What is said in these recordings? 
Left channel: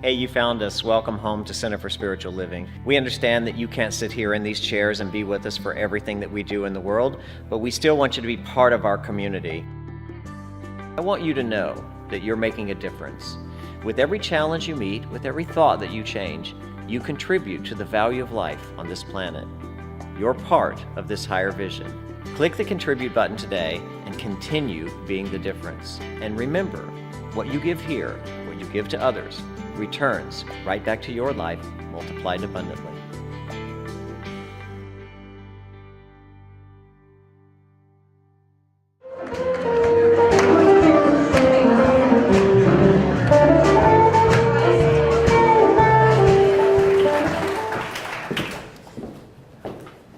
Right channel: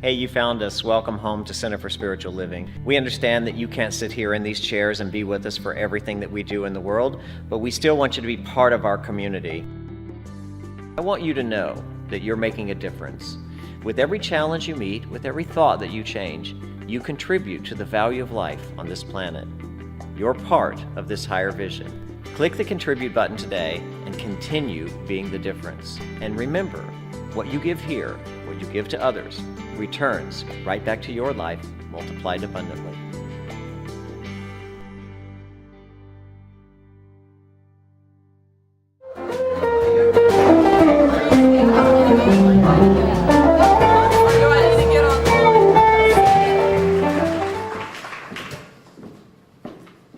Hey, you found us. Welcome home to Center for Spiritual Living. We understand that you can't sit here in these chairs and be with us for everything that we do in the world, but we still want you to be part of our community. I want you to know that you're making a difference. With every challenge you meet, with every thought that you change, you contribute to the value of life on this planet. You're part of this higher vision. Click the Contribute button today and continue being the difference. And remember, what you give here, what you give to others, returns right back to your life, multiplied abundantly.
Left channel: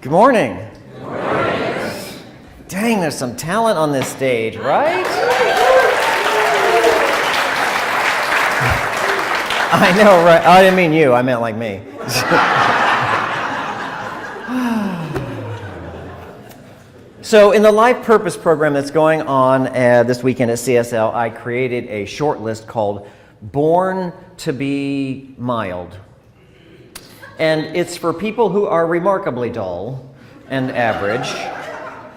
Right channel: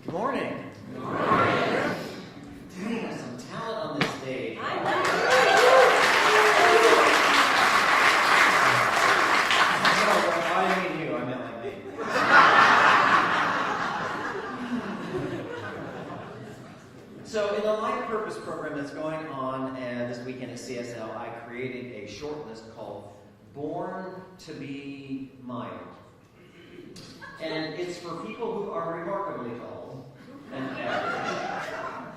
Good morning. Good morning. Dang, there's some talent on this stage, right? I know, right? I didn't mean you, I meant like me. So in the Life Purpose program that's going on this weekend at CSL, I created a short list called Born to be Mild. And it's for people who are remarkably dull and average.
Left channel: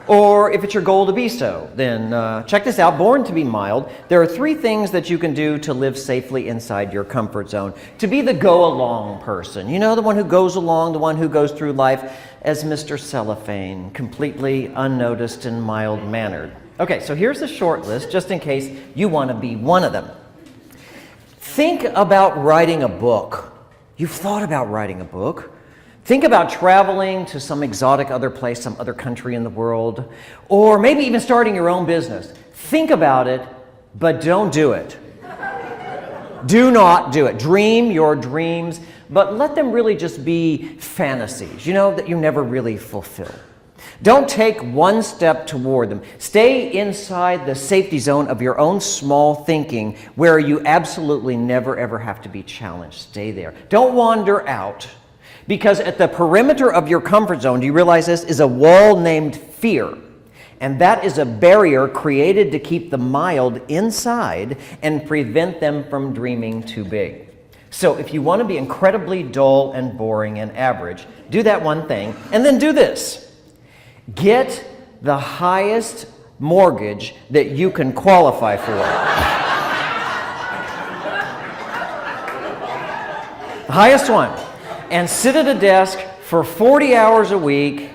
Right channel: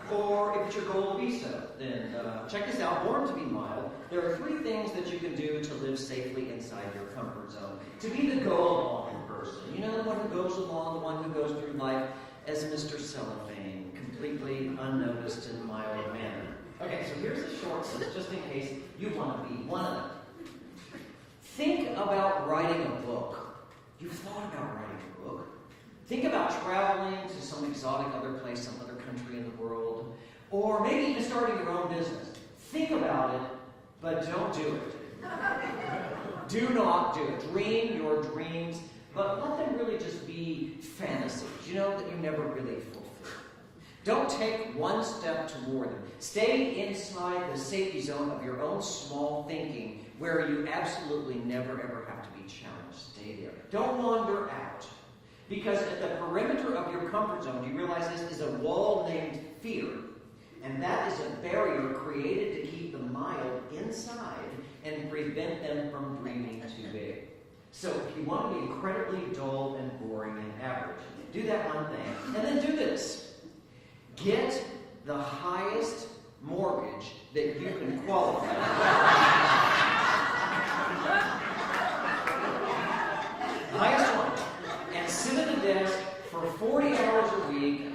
Or if it's your goal to be so, then check this out, Born to be Mild. There are 3 things that you can do to live safely inside your comfort zone. To be the go-along person. You know, the one who goes along, the one who goes through life as Mr. Cellophane, completely unnoticed and mild-mannered. Okay, so here's a short list, just in case you want to be one of them. Think about writing a book. You've thought about writing a book. Think about traveling to some exotic other place, some other country in the world, or maybe even starting your own business. Think about it, but don't do it. Do not do it. Dream your dreams, but let them really just be fantasies, that you never really fulfill. Don't take one step toward them. Stay inside the safety zone of your own small thinking where you absolutely never ever have to be challenged. Stay there. Don't wander out. Because at the perimeter of your comfort zone, do you realize this, is a wall named fear. And that is a barrier created to keep the mild inside and prevent them from dreaming too big. So if you want to be incredibly dull and boring and average, do that one thing, and then do this. Get the highest mortgage that you can qualify for. The highest one. And sit at a desk for 40 hours a week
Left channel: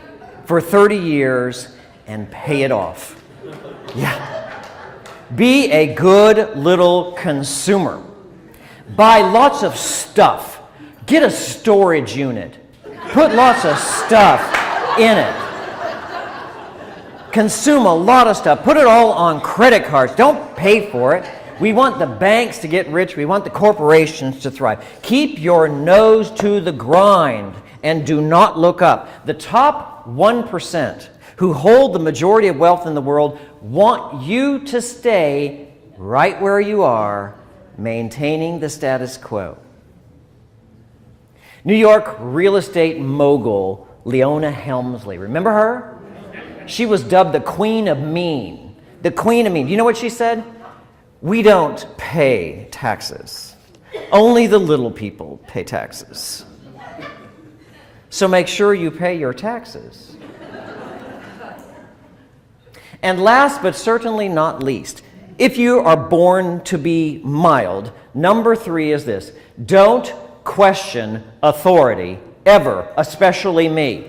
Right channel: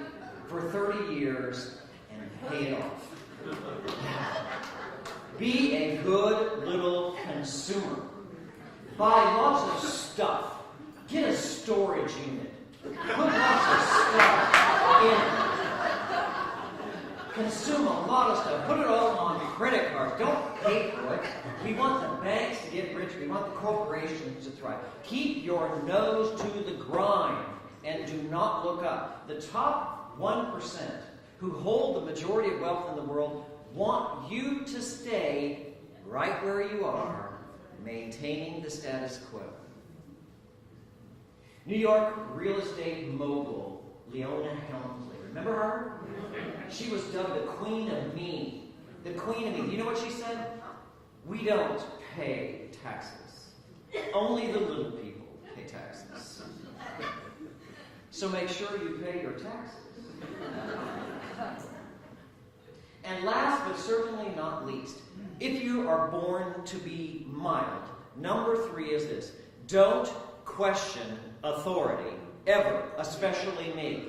for 30 years and pay it off. Yeah. Be a good little consumer. Buy lots of stuff. Get a storage unit. Put lots of stuff in it. Consume a lot of stuff. Put it all on credit cards. Don't pay for it. We want the banks to get rich. We want the corporations to thrive. Keep your nose to the grind and do not look up. The top 1% who hold the majority of wealth in the world want you to stay right where you are, maintaining the status quo. New York real estate mogul Leona Helmsley. Remember her? She was dubbed the Queen of Mean. The Queen of Mean. You know what she said? We don't pay taxes. Only the little people pay taxes. So make sure you pay your taxes. And last but certainly not least, if you are born to be mild, number 3 is this. Don't question authority ever, especially me.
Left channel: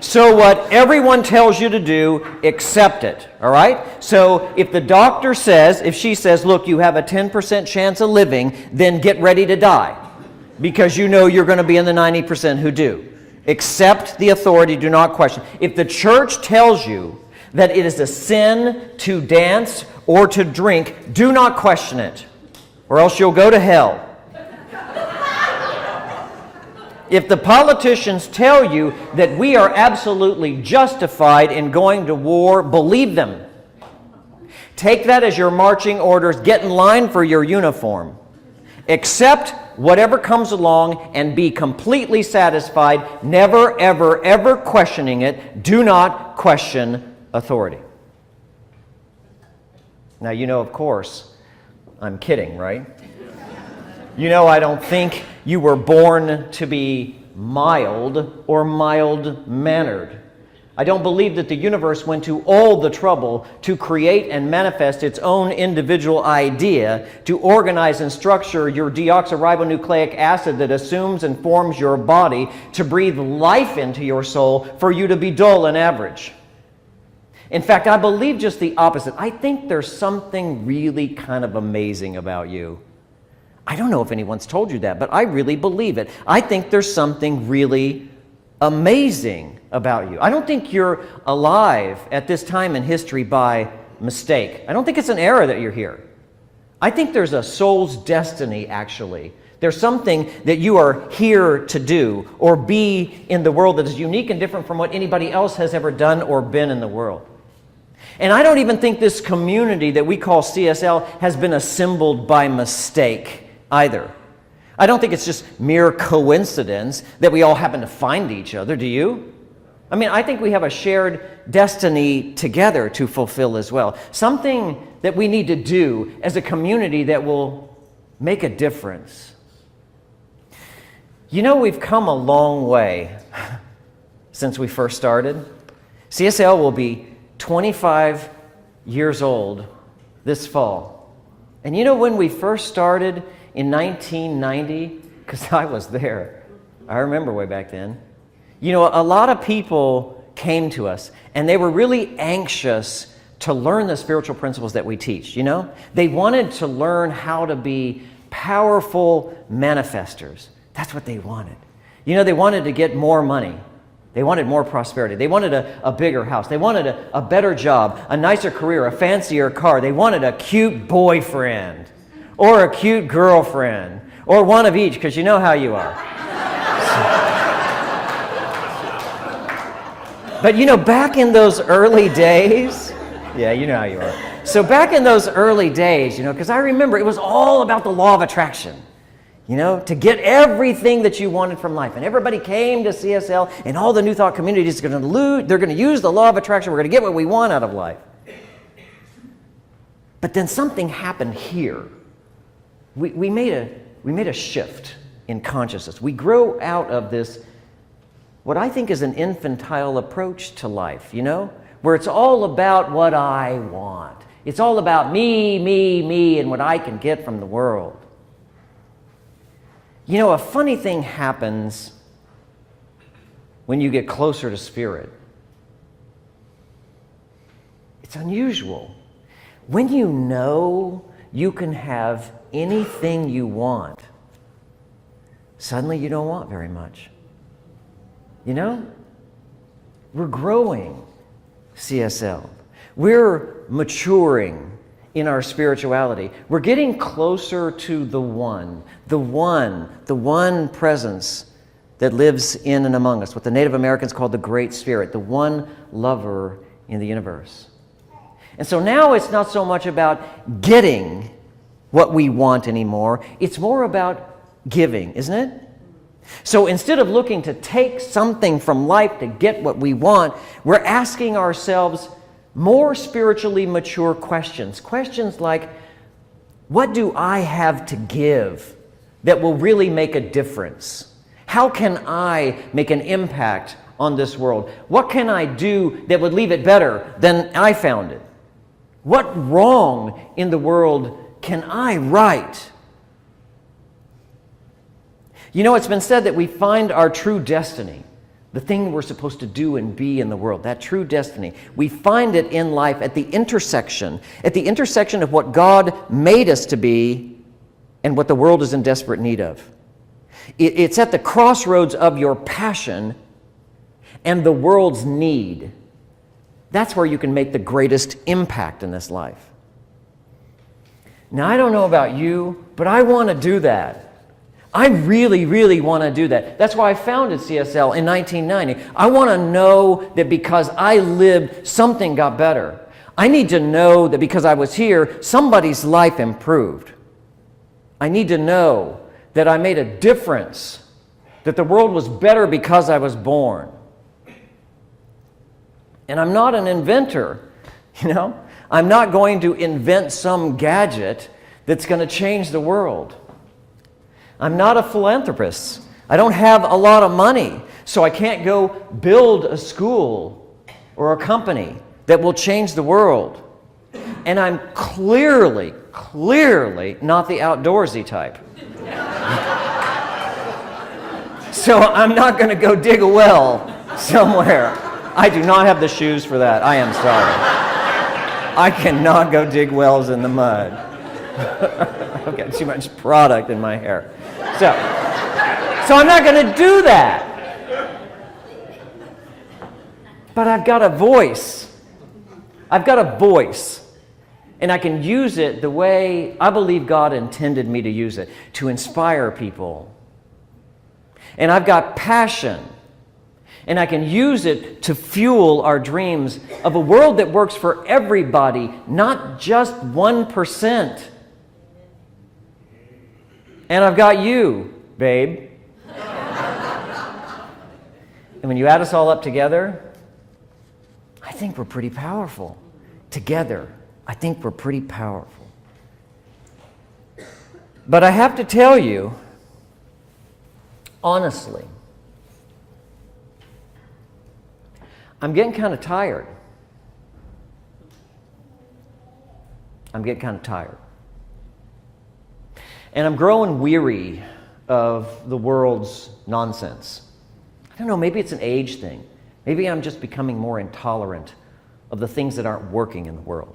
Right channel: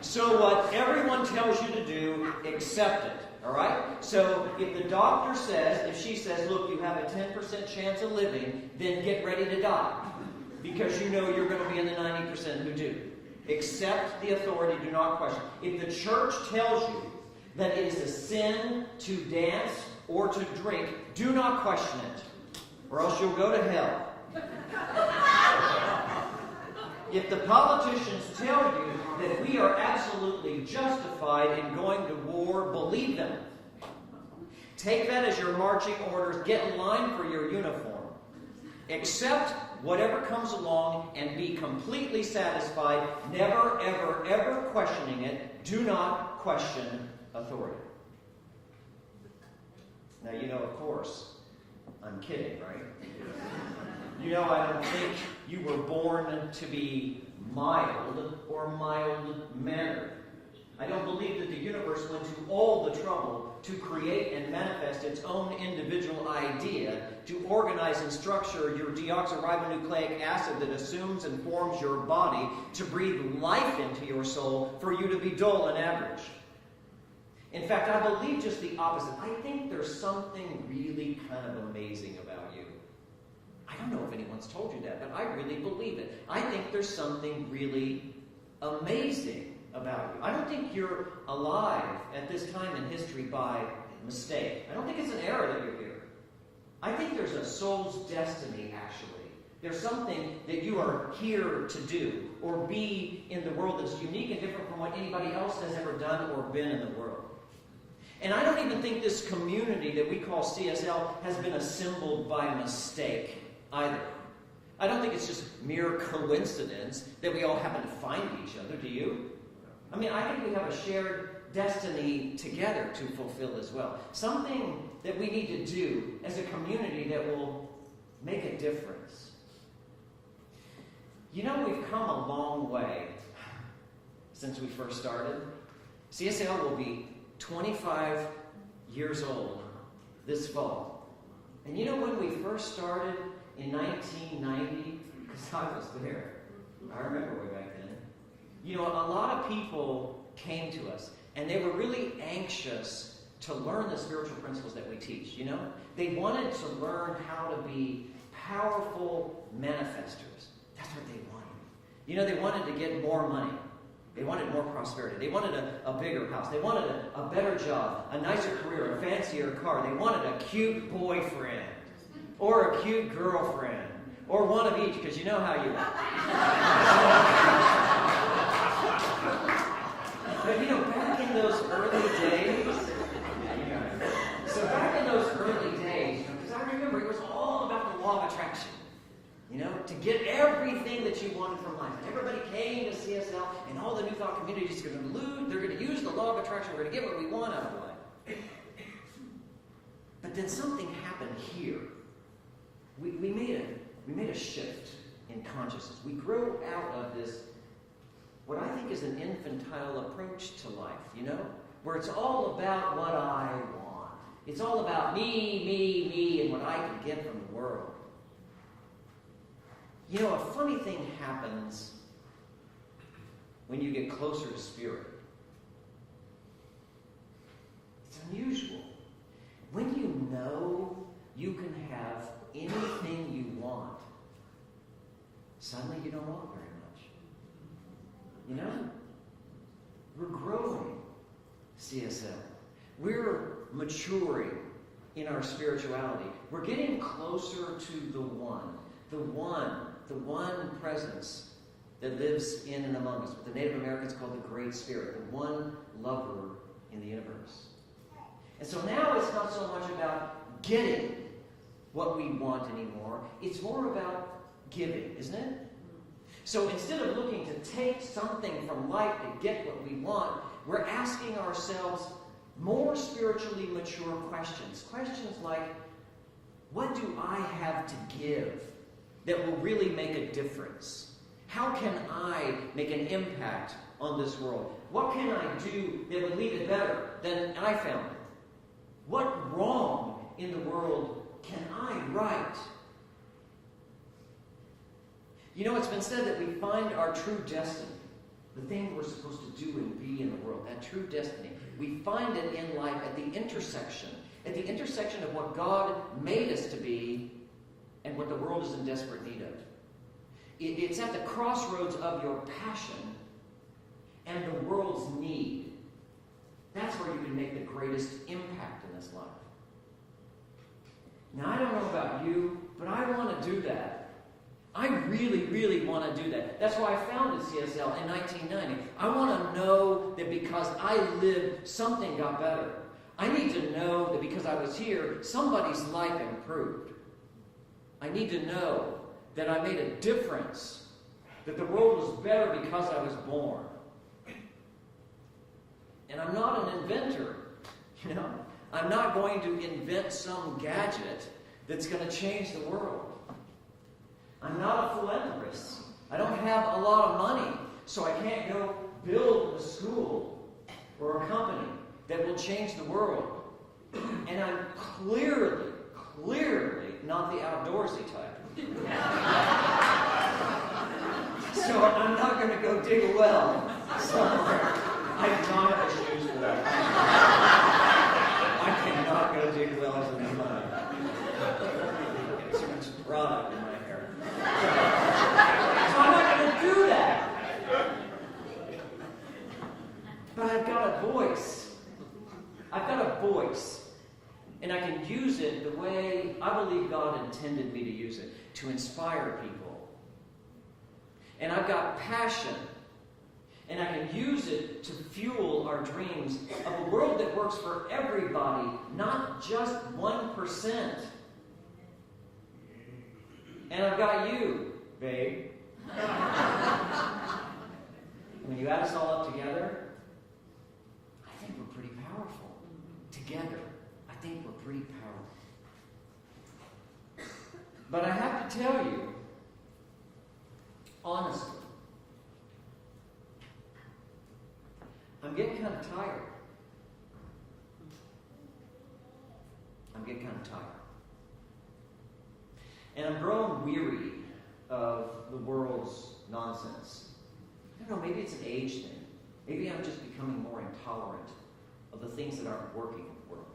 So what everyone tells you to do, accept it, all right? So if the doctor says, if she says, look, you have a 10% chance of living, then get ready to die because you know you're going to be in the 90% who do. Accept the authority, do not question. If the church tells you that it is a sin to dance or to drink, do not question it, or else you'll go to hell. If the politicians tell you that we are absolutely justified in going to war, believe them. Take that as your marching orders. Get in line for your uniform. Accept whatever comes along and be completely satisfied, never, ever, ever questioning it. Do not question authority. Now, you know, of course, I'm kidding, right? You know, I don't think you were born to be mild or mild-mannered. I don't believe that the universe went to all the trouble to create and manifest its own individual idea, to organize and structure your deoxyribonucleic acid that assumes and forms your body, to breathe life into your soul for you to be dull and average. In fact, I believe just the opposite. I think there's something really kind of amazing about you. I don't know if anyone's told you that, but I really believe it. I think there's something really amazing about you. I don't think you're alive at this time in history by mistake. I don't think it's an error that you're here. I think there's a soul's destiny, actually. There's something that you are here to do or be in the world that is unique and different from what anybody else has ever done or been in the world. And I don't even think this community that we call CSL has been assembled by mistake either. I don't think it's just mere coincidence that we all happen to find each other, do you? I mean, I think we have a shared destiny together to fulfill as well. Something that we need to do as a community that will make a difference. You know, we've come a long way since we first started. CSL will be 25 years old this fall. And you know, when we first started in 1990, because I was there, I remember way back then, you know, a lot of people came to us and they were really anxious to learn the spiritual principles that we teach, you know? They wanted to learn how to be powerful manifestors. That's what they wanted. You know, they wanted to get more money. They wanted more prosperity. They wanted a bigger house. They wanted a better job, a nicer career, a fancier car. They wanted a cute boyfriend or a cute girlfriend or one of each, because you know how you are. But you know, back in those early days, yeah, you know how you are. So back in those early days, you know, because I remember it was all about the law of attraction, you know, to get everything that you wanted from life. And everybody came to CSL, and all the New Thought communities are they're going to use the law of attraction. We're going to get what we want out of life. But then something happened here. We made a shift in consciousness. We grow out of this, what I think is an infantile approach to life, you know, where it's all about what I want. It's all about me, me, me, and what I can get from the world. You know, a funny thing happens when you get closer to Spirit. It's unusual. When you know you can have anything you want, suddenly you don't want very much. You know? We're growing, CSL. We're maturing in our spirituality. We're getting closer to the one presence that lives in and among us, what the Native Americans called the Great Spirit, the one lover in the universe. And so now it's not so much about getting what we want anymore. It's more about giving, isn't it? So instead of looking to take something from life to get what we want, we're asking ourselves more spiritually mature questions. Questions like, what do I have to give that will really make a difference? How can I make an impact on this world? What can I do that would leave it better than I found it? What wrong in the world can I right? You know, it's been said that we find our true destiny, the thing we're supposed to do and be in the world, that true destiny. We find it in life at the intersection of what God made us to be and what the world is in desperate need of. It's at the crossroads of your passion and the world's need. That's where you can make the greatest impact in this life. Now, I don't know about you, but I want to do that. I really, really want to do that. That's why I founded CSL in 1990. I want to know that because I lived, something got better. I need to know that because I was here, somebody's life improved. I need to know that I made a difference, that the world was better because I was born. And I'm not an inventor, you know? I'm not going to invent some gadget that's going to change the world. I'm not a philanthropist. I don't have a lot of money, so I can't go build a school or a company that will change the world. And I'm clearly not the outdoorsy type. So I'm not going to go dig a well somewhere. I do not have the shoes for that. I am sorry. I cannot go dig wells in the mud. I've got too much product in my hair. So I'm not going to do that. But I've got a voice. I've got a voice. And I can use it the way I believe God intended me to use it, to inspire people. And I've got passion. And I can use it to fuel our dreams of a world that works for everybody, not just 1%. And I've got you, babe. And when you add us all up together, I think we're pretty powerful. Together, I think we're pretty powerful. But I have to tell you, honestly, I'm getting kind of tired. I'm getting kind of tired. And I'm growing weary of the world's nonsense. I don't know, maybe it's an age thing. Maybe I'm just becoming more intolerant of the things that aren't working in the world.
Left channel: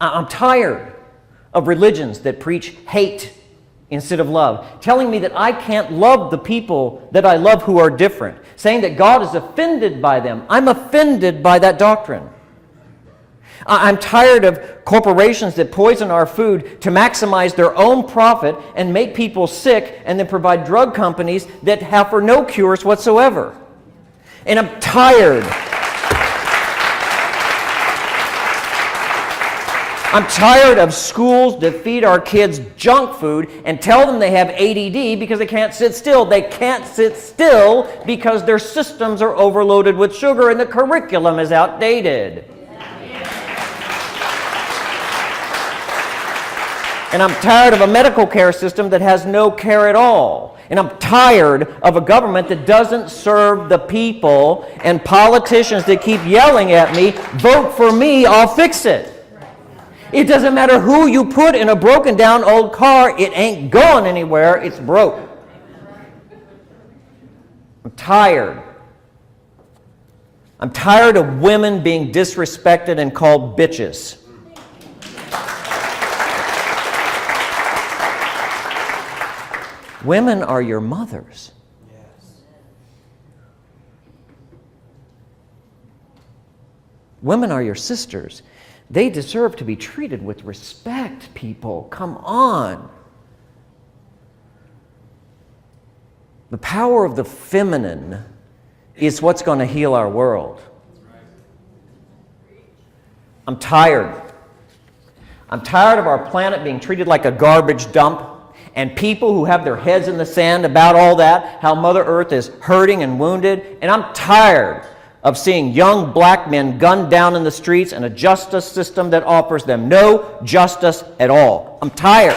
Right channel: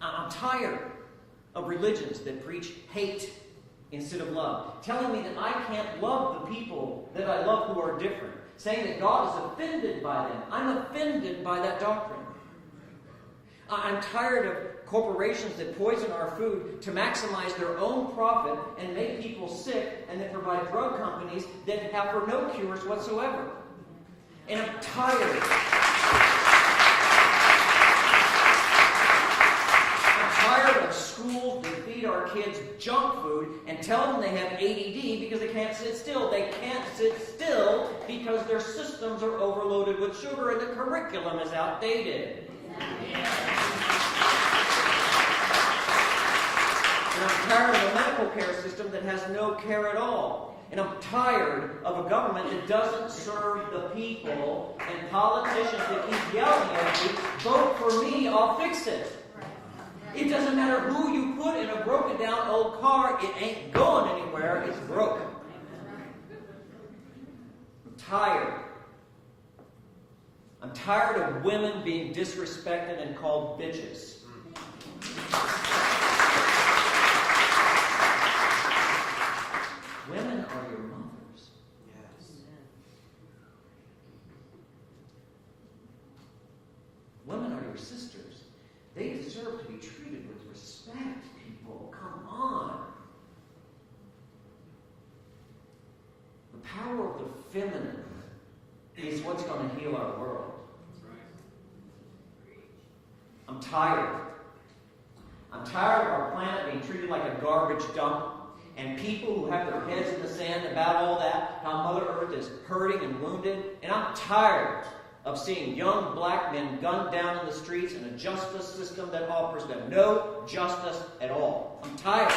I'm tired of religions that preach hate instead of love, telling me that I can't love the people that I love who are different, saying that God is offended by them. I'm offended by that doctrine. I'm tired of corporations that poison our food to maximize their own profit and make people sick, and then provide drug companies that have for no cures whatsoever. And I'm tired. I'm tired of schools that feed our kids junk food and tell them they have ADD because they can't sit still. They can't sit still because their systems are overloaded with sugar and the curriculum is outdated. And I'm tired of a medical care system that has no care at all. And I'm tired of a government that doesn't serve the people and politicians that keep yelling at me, vote for me, I'll fix it. It doesn't matter who you put in a broken down old car, it ain't going anywhere, it's broke. I'm tired. I'm tired of women being disrespected and called bitches. Women are your mothers. Women are your sisters. They deserve to be treated with respect, people. Come on. The power of the feminine is what's going to heal our world. I'm tired. I'm tired of our planet being treated like a garbage dump, and people who have their heads in the sand about all that, how Mother Earth is hurting and wounded. And I'm tired of seeing young black men gunned down in the streets and a justice system that offers them no justice at all. I'm tired.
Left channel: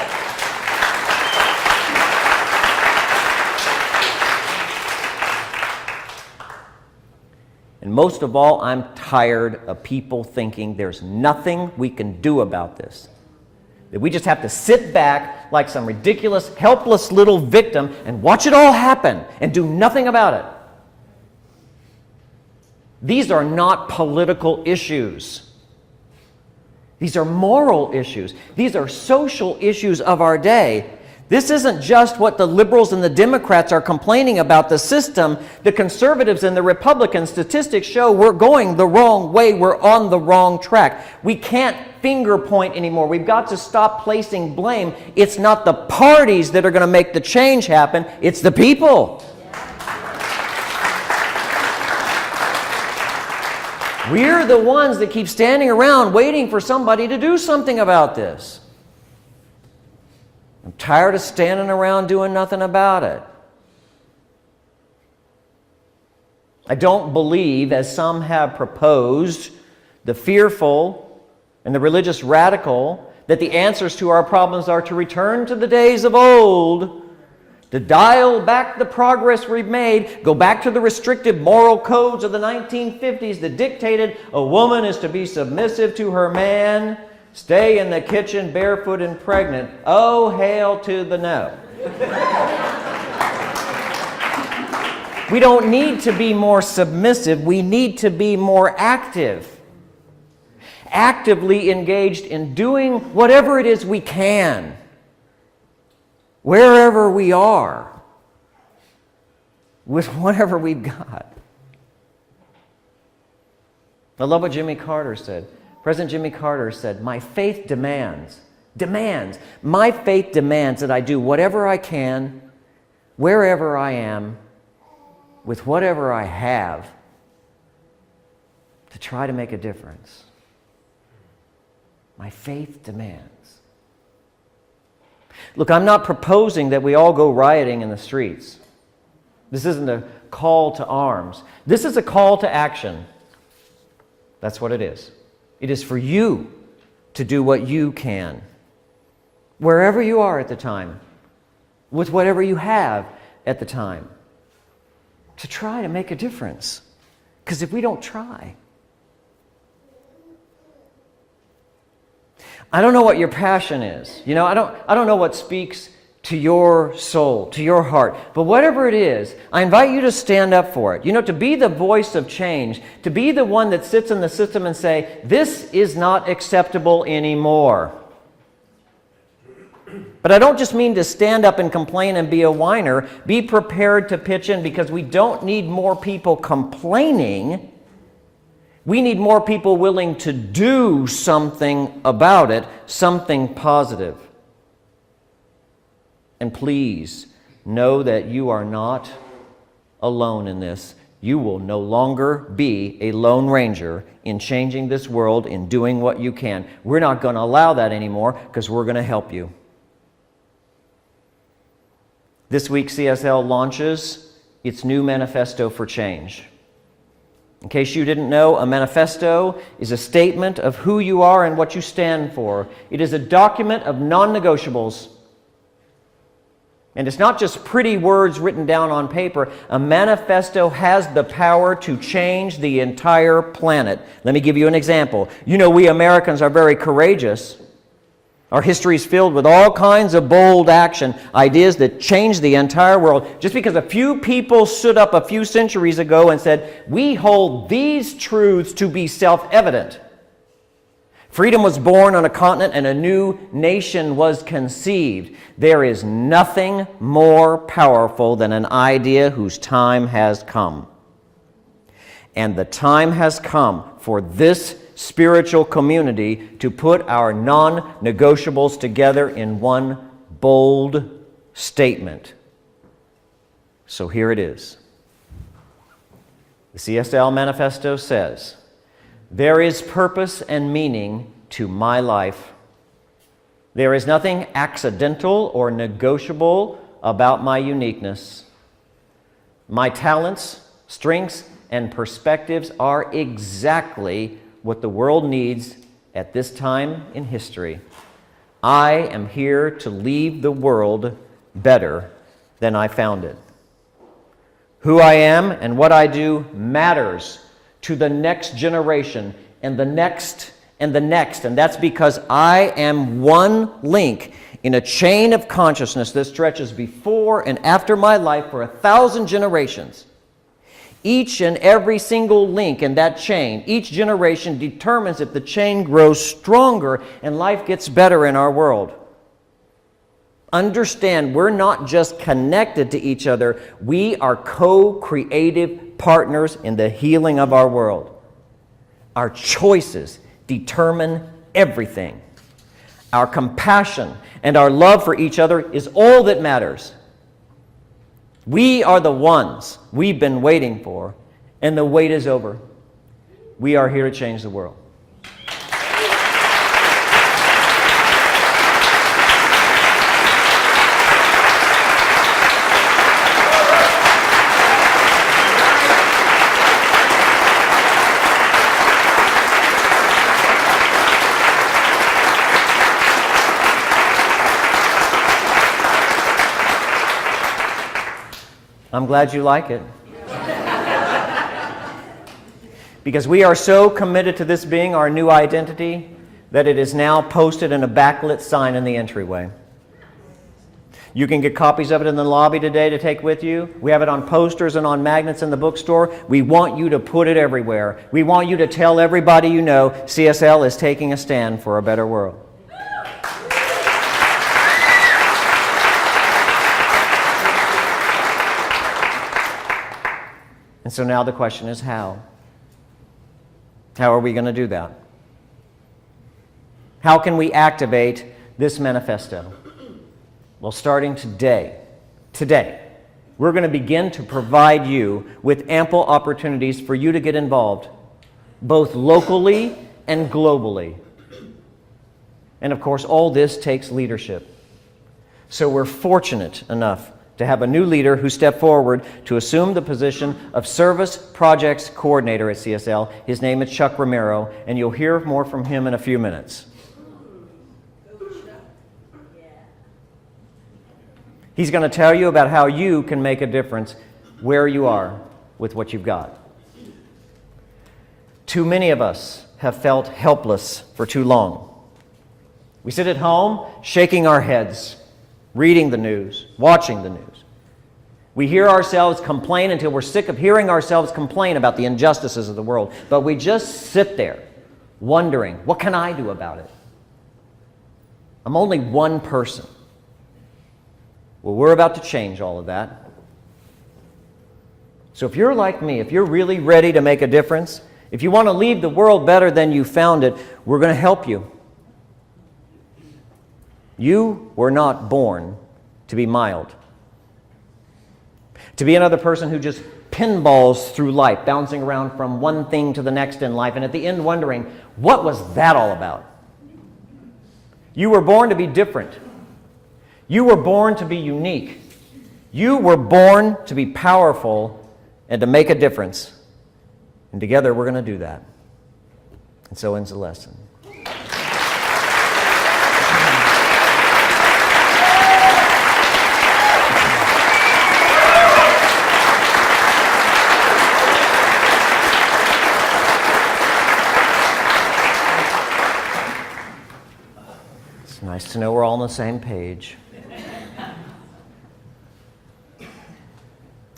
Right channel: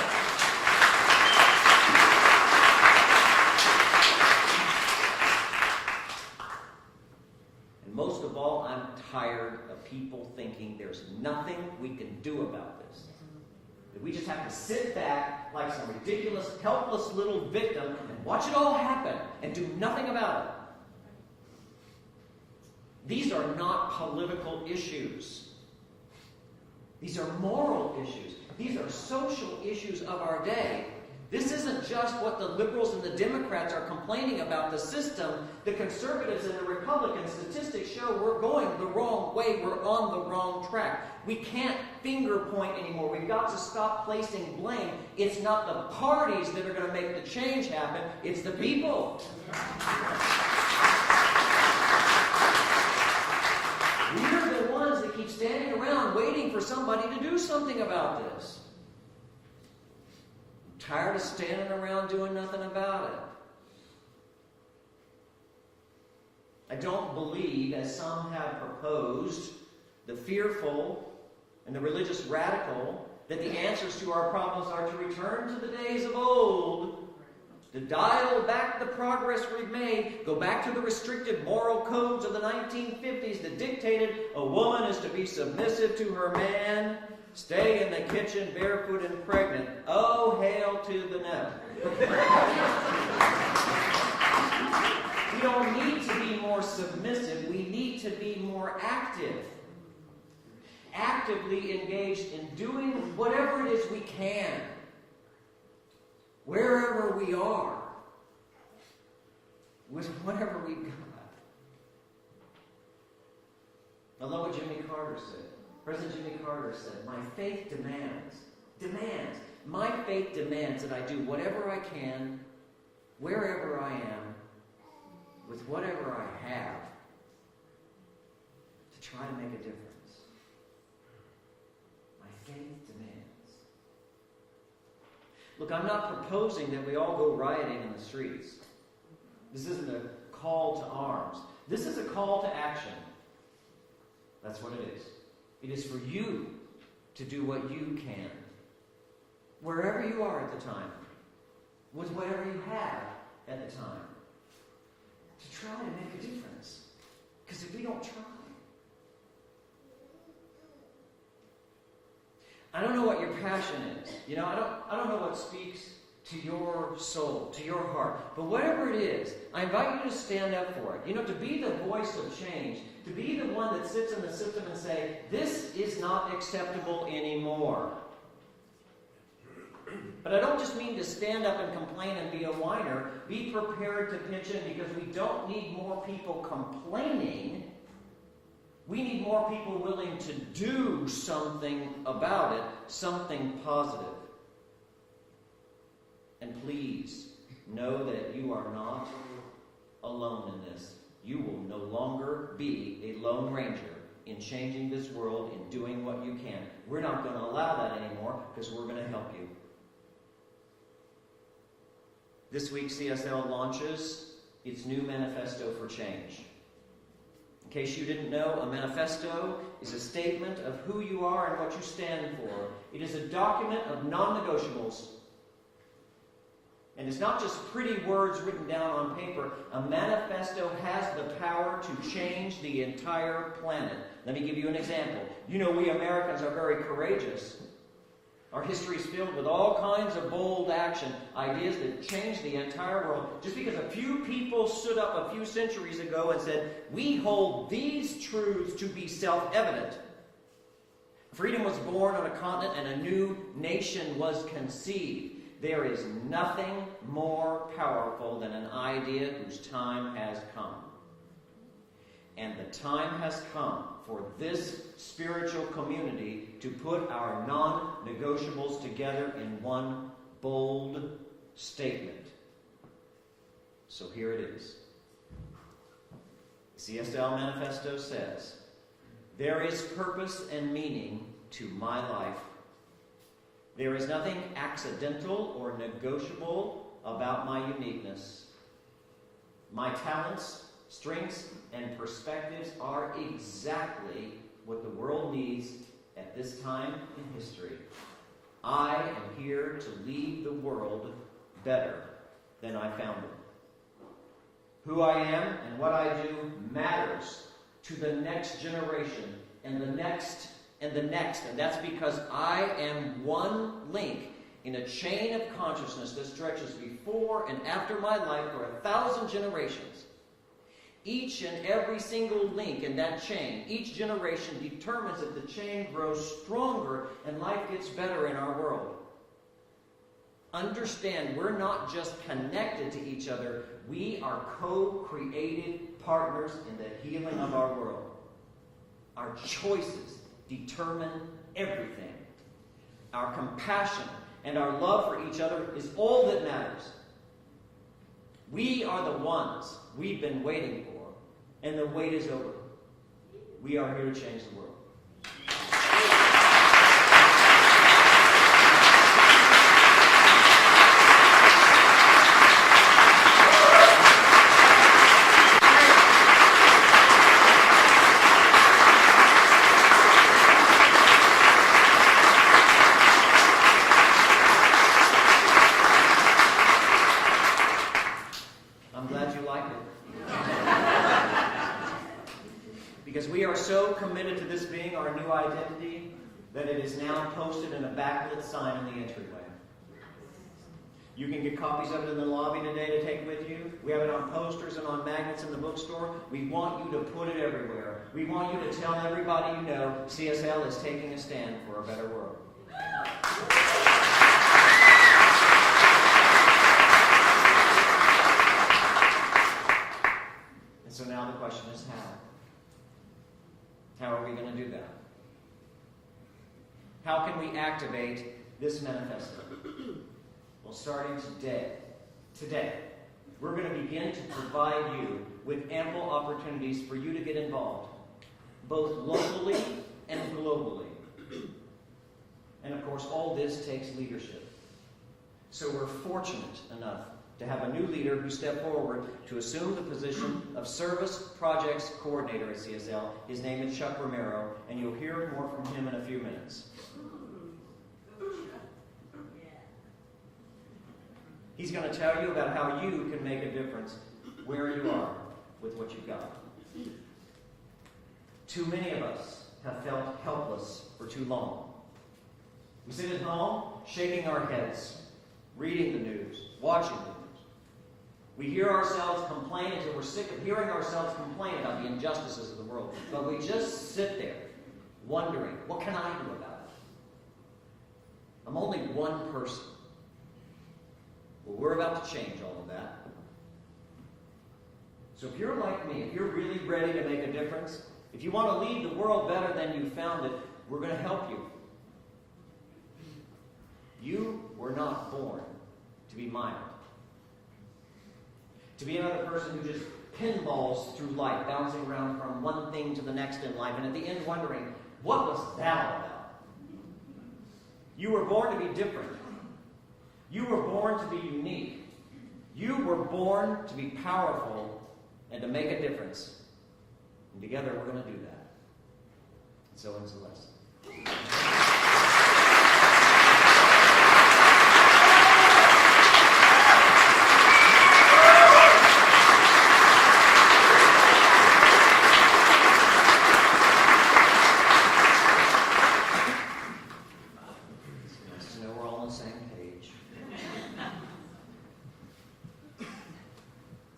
And most of all, I'm tired of people thinking there's nothing we can do about this. That we just have to sit back like some ridiculous, helpless little victim and watch it all happen and do nothing about it. These are not political issues. These are moral issues. These are social issues of our day. This isn't just what the liberals and the Democrats are complaining about the system. The conservatives and the Republicans, statistics show we're going the wrong way. We're on the wrong track. We can't finger point anymore. We've got to stop placing blame. It's not the parties that are going to make the change happen. It's the people. We're the ones that keep standing around waiting for somebody to do something about this. I'm tired of standing around doing nothing about it. I don't believe, as some have proposed, the fearful and the religious radical that the answers to our problems are to return to the days of old, to dial back the progress we've made, go back to the restrictive moral codes of the 1950s that dictated a woman is to be submissive to her man, stay in the kitchen barefoot and pregnant. Oh, hail to the no. We don't need to be more submissive. We need to be more active. Actively engaged in doing whatever it is we can, wherever we are, with whatever we've got. I love what Jimmy Carter said. President Jimmy Carter said, my faith demands that I do whatever I can, wherever I am, with whatever I have, to try to make a difference. My faith demands. Look, I'm not proposing that we all go rioting in the streets. This isn't a call to arms. This is a call to action. That's what it is. It is for you to do what you can, wherever you are at the time, with whatever you have at the time, to try to make a difference. Because if we don't try, I don't know what your passion is. You know, I don't know what speaks to your soul, to your heart. But whatever it is, I invite you to stand up for it. You know, to be the voice of change, to be the one that sits in the system and say, this is not acceptable anymore. But I don't just mean to stand up and complain and be a whiner. Be prepared to pitch in, because we don't need more people complaining. We need more people willing to do something about it, something positive. And please know that you are not alone in this. You will no longer be a lone ranger in changing this world, in doing what you can. We're not going to allow that anymore, because we're going to help you. This week, CSL launches its new Manifesto for Change. In case you didn't know, a manifesto is a statement of who you are and what you stand for. It is a document of non-negotiables. And it's not just pretty words written down on paper. A manifesto has the power to change the entire planet. Let me give you an example. You know, we Americans are very courageous. Our history is filled with all kinds of bold action, ideas that change the entire world. Just because a few people stood up a few centuries ago and said, we hold these truths to be self-evident. Freedom was born on a continent and a new nation was conceived. There is nothing more powerful than an idea whose time has come. And the time has come for this spiritual community to put our non-negotiables together in one bold statement. So here it is. The CSL Manifesto says, there is purpose and meaning to my life. There is nothing accidental or negotiable about my uniqueness. My talents, strengths, and perspectives are exactly what the world needs at this time in history. I am here to leave the world better than I found it. Who I am and what I do matters to the next generation and the next and the next. And that's because I am one link in a chain of consciousness that stretches before and after my life for 1,000 generations. Each and every single link in that chain, each generation determines if the chain grows stronger and life gets better in our world. Understand, we're not just connected to each other, we are co-creative partners in the healing of our world. Our choices determine everything. Our compassion and our love for each other is all that matters. We are the ones we've been waiting for, and the wait is over. We are here to change the world. I'm glad you like it. Because we are so committed to this being our new identity that it is now posted in a backlit sign in the entryway. You can get copies of it in the lobby today to take with you. We have it on posters and on magnets in the bookstore. We want you to put it everywhere. We want you to tell everybody you know CSL is taking a stand for a better world. And so now the question is how? How are we going to do that? How can we activate this manifesto? Well, starting today, we're going to begin to provide you with ample opportunities for you to get involved, both locally and globally. And of course, all this takes leadership. So we're fortunate enough to have a new leader who stepped forward to assume the position of Service Projects Coordinator at CSL. His name is Chuck Romero, and you'll hear more from him in a few minutes. He's going to tell you about how you can make a difference where you are with what you've got. Too many of us have felt helpless for too long. We sit at home shaking our heads, reading the news, watching the news. We hear ourselves complain until we're sick of hearing ourselves complain about the injustices of the world. But we just sit there wondering, what can I do about it? I'm only one person. Well, we're about to change all of that. So if you're like me, if you're really ready to make a difference, if you want to leave the world better than you found it, we're going to help you. You were not born to be mild. To be another person who just pinballs through life, bouncing around from one thing to the next in life, and at the end wondering, what was that all about? You were born to be different. You were born to be unique. You were born to be powerful and to make a difference. And together we're going to do that. And so ends the lesson. It's nice to know we're all on the same page.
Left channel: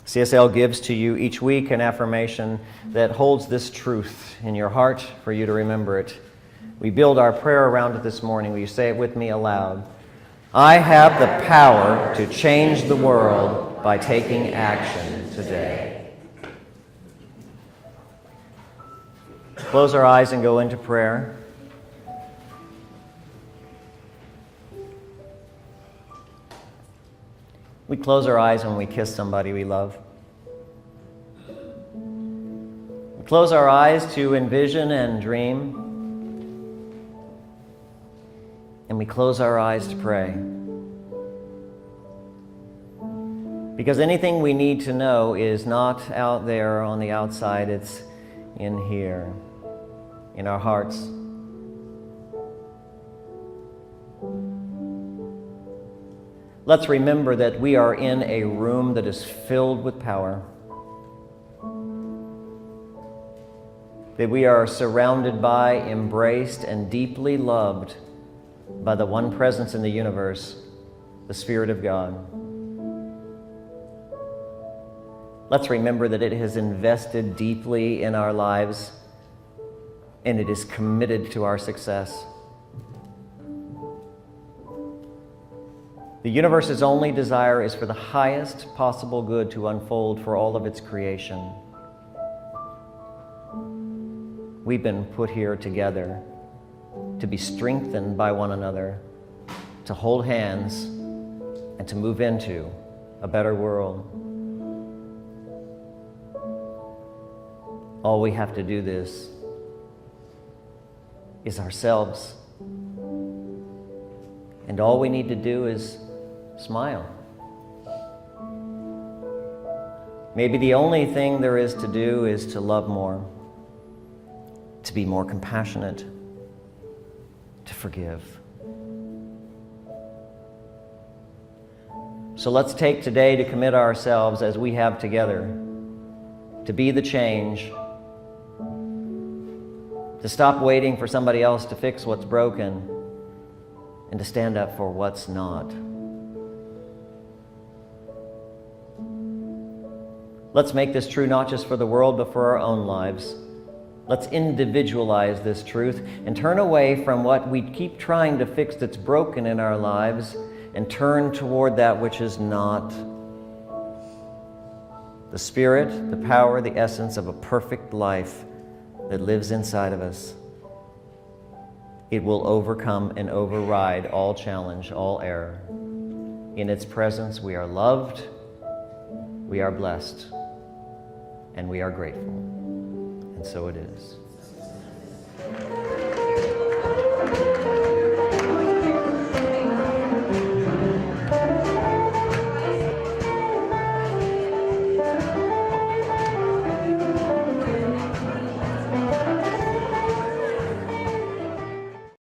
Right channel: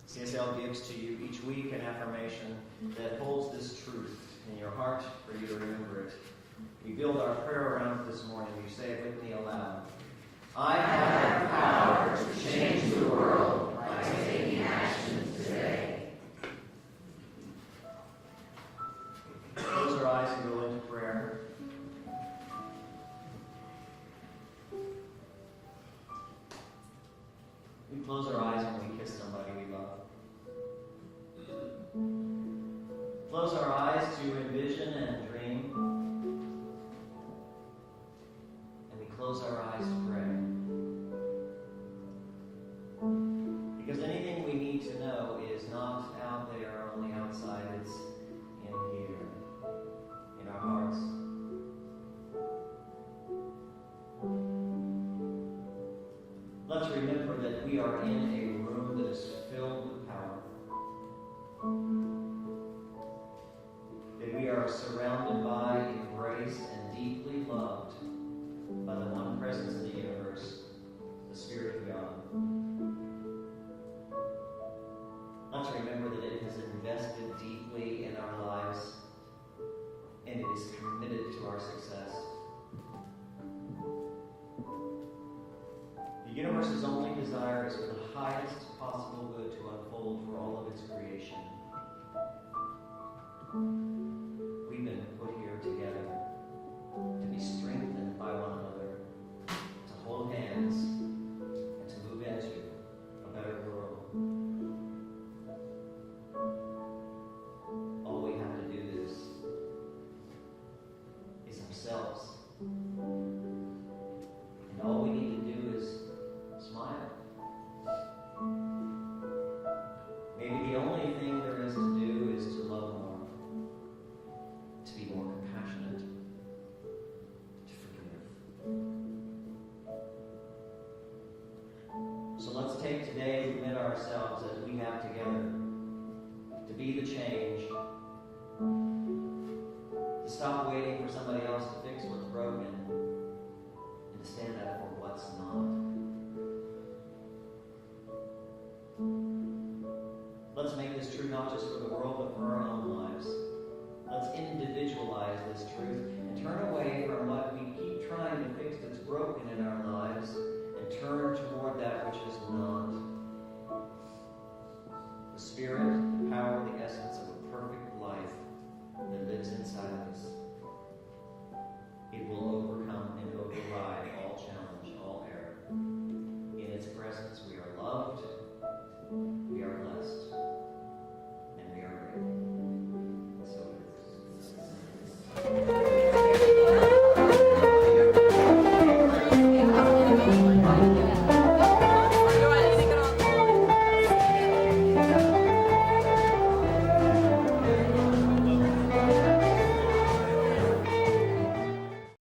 CSL gives to you each week an affirmation that holds this truth in your heart for you to remember it. We build our prayer around it this morning. Will you say it with me aloud? I have the power to change the world by taking action today. Close our eyes and go into prayer. We close our eyes when we kiss somebody we love. We close our eyes to envision and dream. And we close our eyes to pray. Because anything we need to know is not out there on the outside, it's in here, in our hearts. Let's remember that we are in a room that is filled with power. That we are surrounded by, embraced, and deeply loved by the one presence in the universe, the Spirit of God. Let's remember that it has invested deeply in our lives and it is committed to our success. The universe's only desire is for the highest possible good to unfold for all of its creation. We've been put here together to be strengthened by one another, to hold hands, and to move into a better world. All we have to do this is ourselves. And all we need to do is smile. Maybe the only thing there is to do is to love more, to be more compassionate, to forgive. So let's take today to commit ourselves as we have together to be the change, to stop waiting for somebody else to fix what's broken, and to stand up for what's not. Let's make this true not just for the world, but for our own lives. Let's individualize this truth and turn away from what we keep trying to fix that's broken in our lives and turn toward that which is not. The Spirit, the power, the essence of a perfect life that lives inside of us. It will overcome and override all challenge, all error. In its presence, we are loved, we are blessed, and we are grateful. And so it is.